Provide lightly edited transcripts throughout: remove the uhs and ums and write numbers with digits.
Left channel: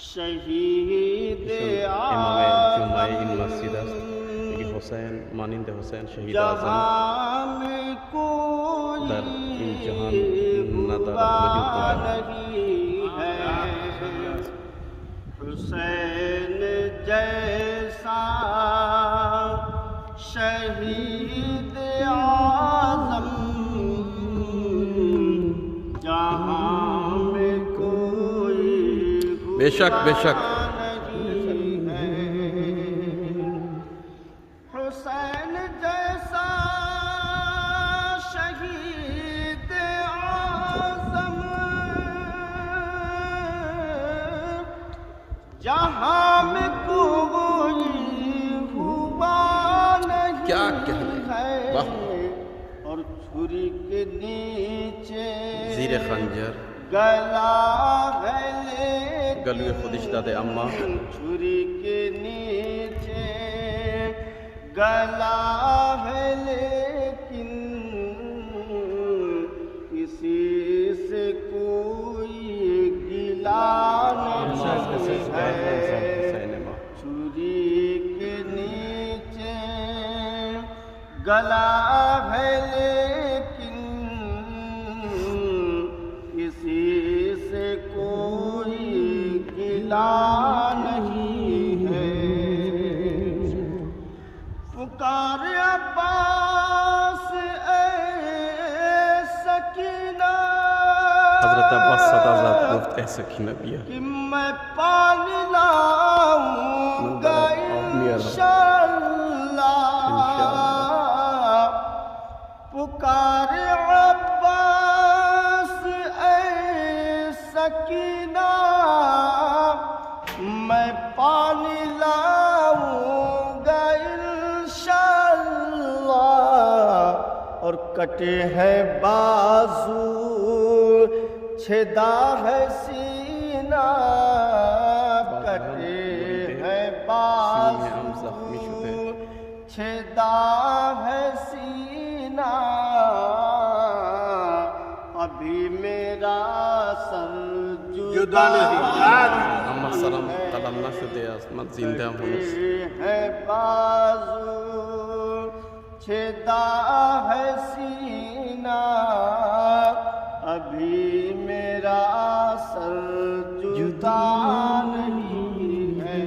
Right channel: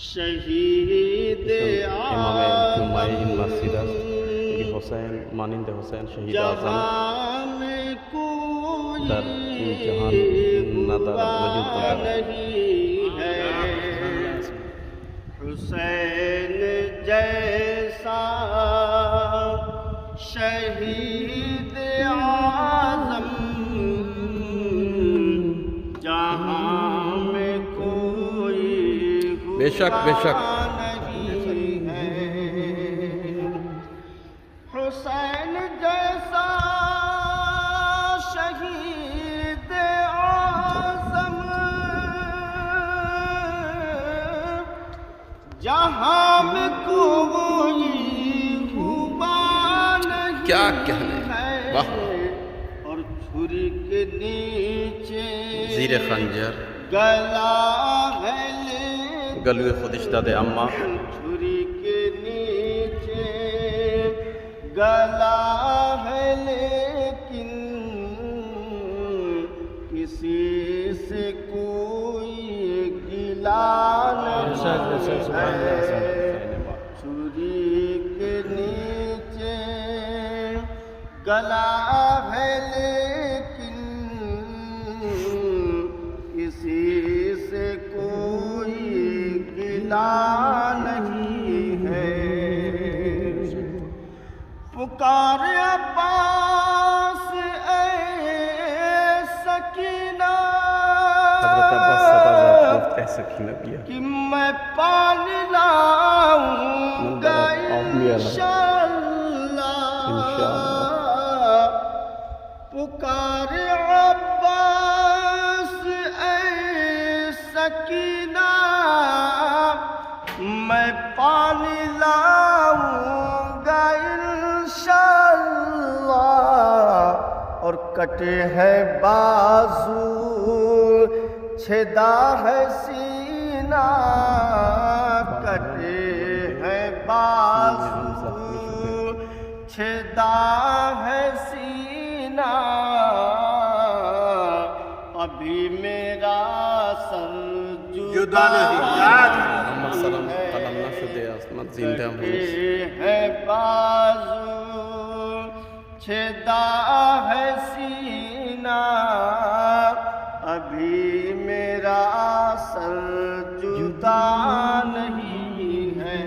شهید امام جمعه این مسجد است که حسین مانند حسین شهید اعظم در این جهان ندارد، وجود ندارد. حسین جیسا شہید اعظم جہاں میں کوئی بے شک بے شک حسین جیسا شہید اعظم جہاں میں کوئی ہوا نہیں کیا کہنے، واہ، اور چھری کے نیچے زیر خنجر گلا ہے گلوی خودش داده، اما چھری کے نیچے گلا ہے لیکن کسی سے کوئی گلا نہیں ہے. چھری کے نیچے گلا ہے لیکن کسی سے کوئی گلا نہیں ہے. پکار عباس اے سکینہ حضرت عباس صدازت گفت اے سکینہ بیا کہ میں پانی لاؤں گا انشاءاللہ. پکار عباس اے سکینہ میں پانی لاؤں گا انشاءاللہ. اور کٹے ہیں بازو چھدا ہے سینہ، کٹے ہیں بازو چھدا ہے سینہ. ابھی میرا سر جدا نہیں اما سلام قدم نشده است، من زنده هم هنوز. ہے بازو چھدا ہے سینہ، ابھی میرا سر جدا نہیں ہے.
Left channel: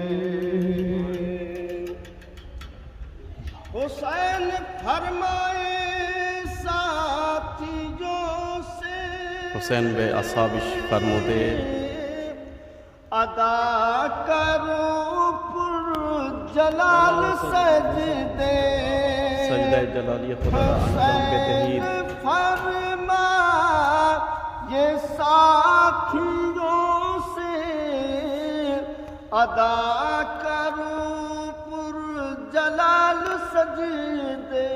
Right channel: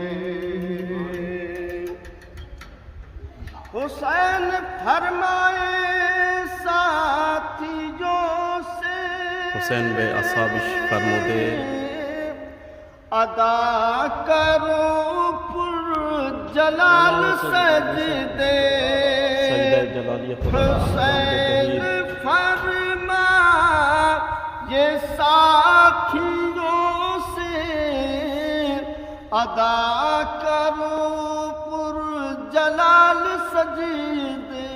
حسین فرمائے ساتھیوں سے حسین به اصحابش فرموده ادا کرو پر جلال سجدے. سجدہ جلالی خدا را انجام حسین بدهید. فرما یہ ساتھیوں سے ادا کرو پر جلال سجدے.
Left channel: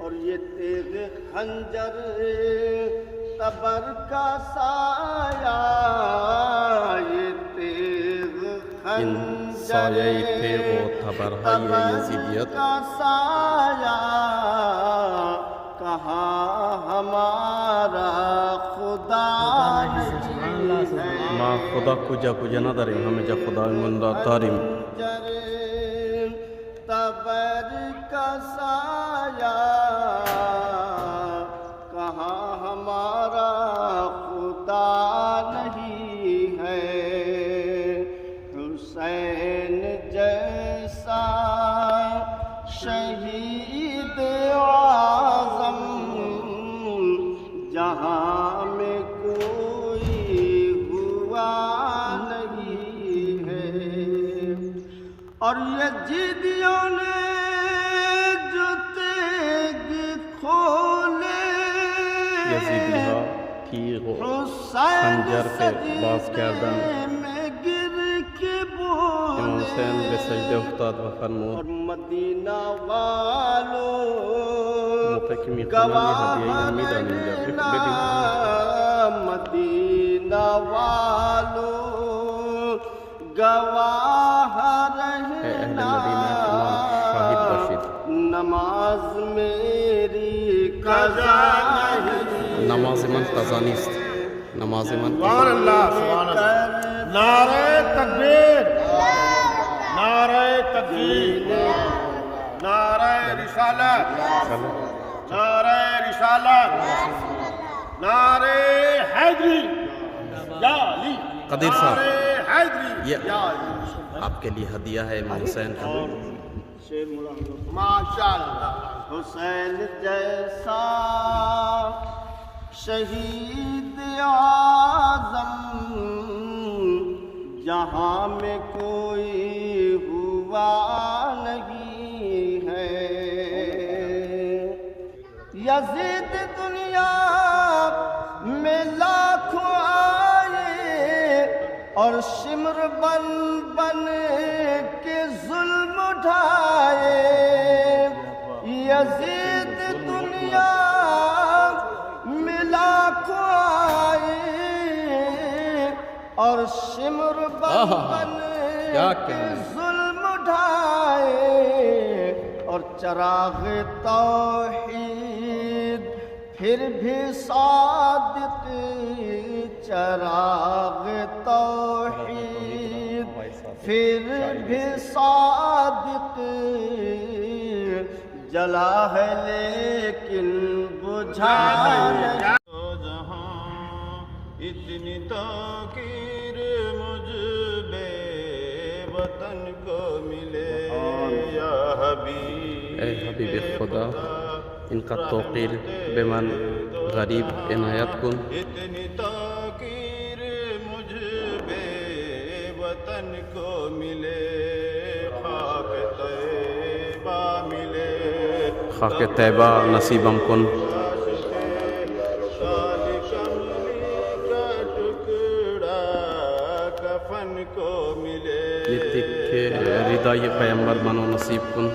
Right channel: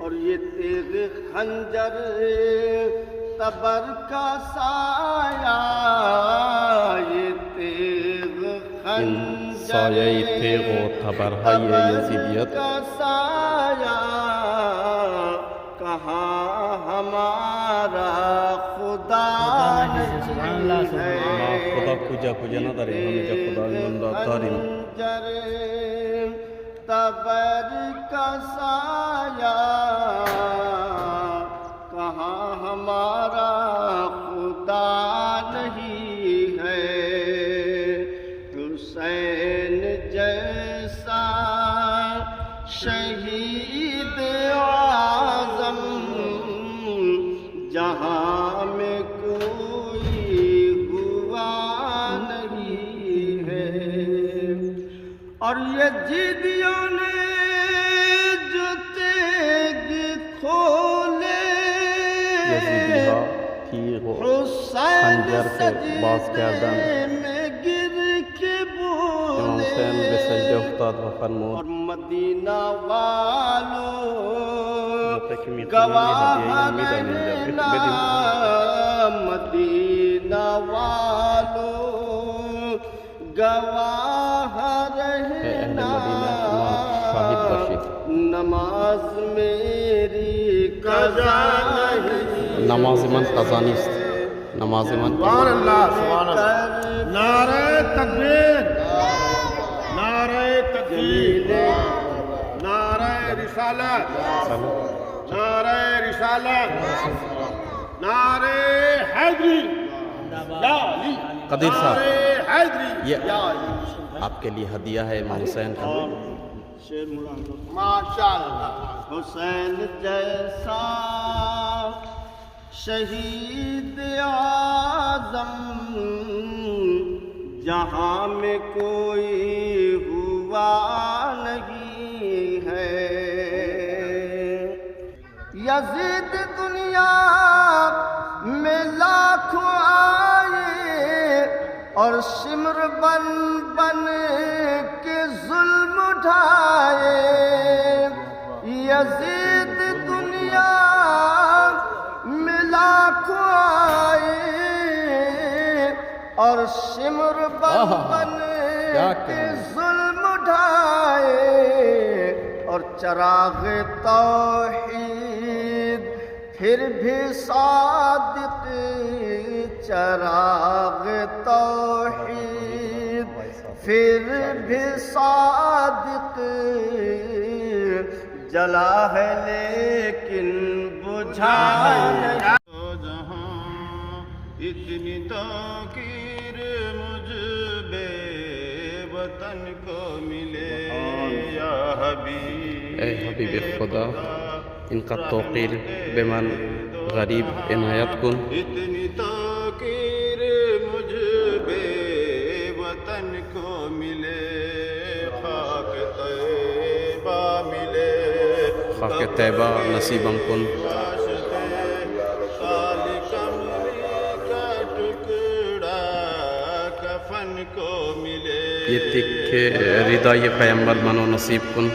اور یہ تیغ خنجر تبر کا سایہ، یہ تیغ این خنجر سایه تیغ و تبرهای یزیدیت کا سایہ کہاں ہمارا خدا نہیں ہے. ما خدا کجا کجا نداریم، همه جا خدایمان را داریم. خنجر تبر کا سایہ کہاں ہمارا خدا نہیں ہے. حسین جیسا شہید اعظم جہاں میں کوئی ہوا نہیں ہے. اور یزیدیوں نے جو تیغ کھولے یزیدی ها تیغ و خنجر که باز کردن، میں گر کے امام حسین به سجده افتاد و فرمود مدینہ والوں موقع که میخونن یه هدیه هم میدن اینجا بدیم. مدینہ والوں گواہ اے اہل رہنا مدینہ شما شاہد باشید. نماز میری قضا نماز من قضا نیست، نماز من قضا. نعرہ رسالت سلام نعرہ رسالت نعرہ حیدری یا علی قدیر صاحب نعرہ حیدری یہ یا علی آپ کے لیے ہدیہ ہے امام حسین کا ماشاء اللہ حسین جیسا شہید اعظم جہاں میں کوئی ہوا نہیں ہے یزید دنیا میں لاکھوں آئے اور سمر بن بن کے ظلم اٹھائے یزید دنیا میں لاکھوں آئے اور سمر بن بن کے ظلم اٹھائے اور چراغ توحید پھر بھی صادق چراغ توحید پھر بھی صادق جلا ہے لیکن بجھا نہیں جہاں اتنی تاخیر مجھ بے وطن کو ملے یا حبیب اے حبیب خدا ان کا توقیر بے من غریب عنایت کن اتنی تاخیر مجھ بے وطن کو ملے خاک طیبہ ملے خاک طیبہ نصیبم کن کفن کو ملے یہ تک رضا یہ پیمبر منو نصیب کن